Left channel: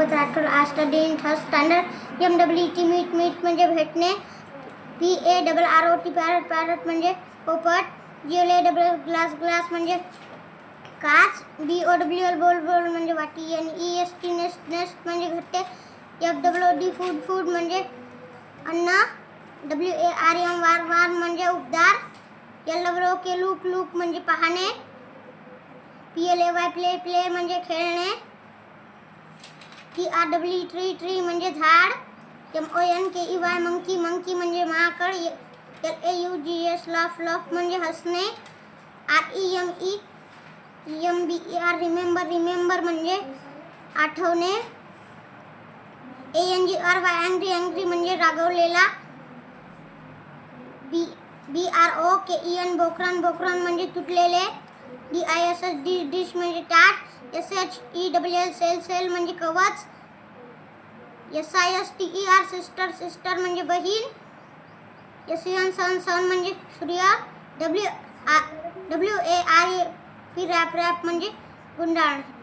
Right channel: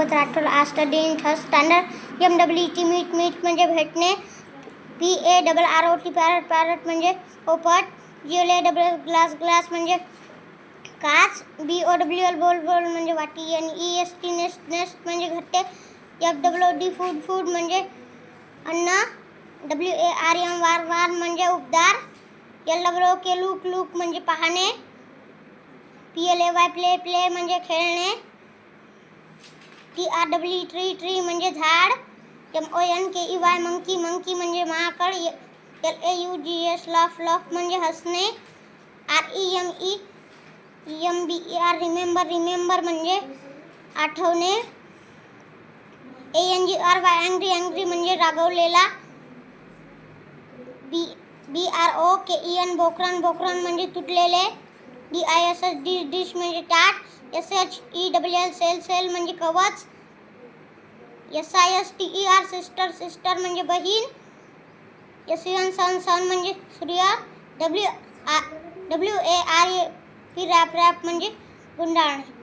सोबत राठोड आज study in third standard. MWT meet म्हणजे भेटणे. PARROT पॅरट म्हणजे पोपट. GLASS ग्लास म्हणजे काच. BOWL बोल म्हणजे वाटी. NEST नेस्ट म्हणजे घरटे. FWD फूड म्हणजे अन्न. WARM वार म्हणजे उबदार. LWOK लूक म्हणजे पाहणे. PLAY प्ले म्हणजे खेळणे. TREE ट्री म्हणजे झाड. MONKEY मंकी म्हणजे माकड. LAUGH लाफ म्हणजे हसणे. REMEMBER रिमेंबर म्हणजे आठवणे. ANGRY म्हणजे रागवलेला. BROKEN बोकरण म्हणजे तुटलेले. DISH डिश म्हणजे ताट. SHELL सेल म्हणजे कवच. SISTER सिस्टर म्हणजे बहीण. SUN म्हणजे सूर्य. WARAP रॅप म्हणजे गुंडाळणे.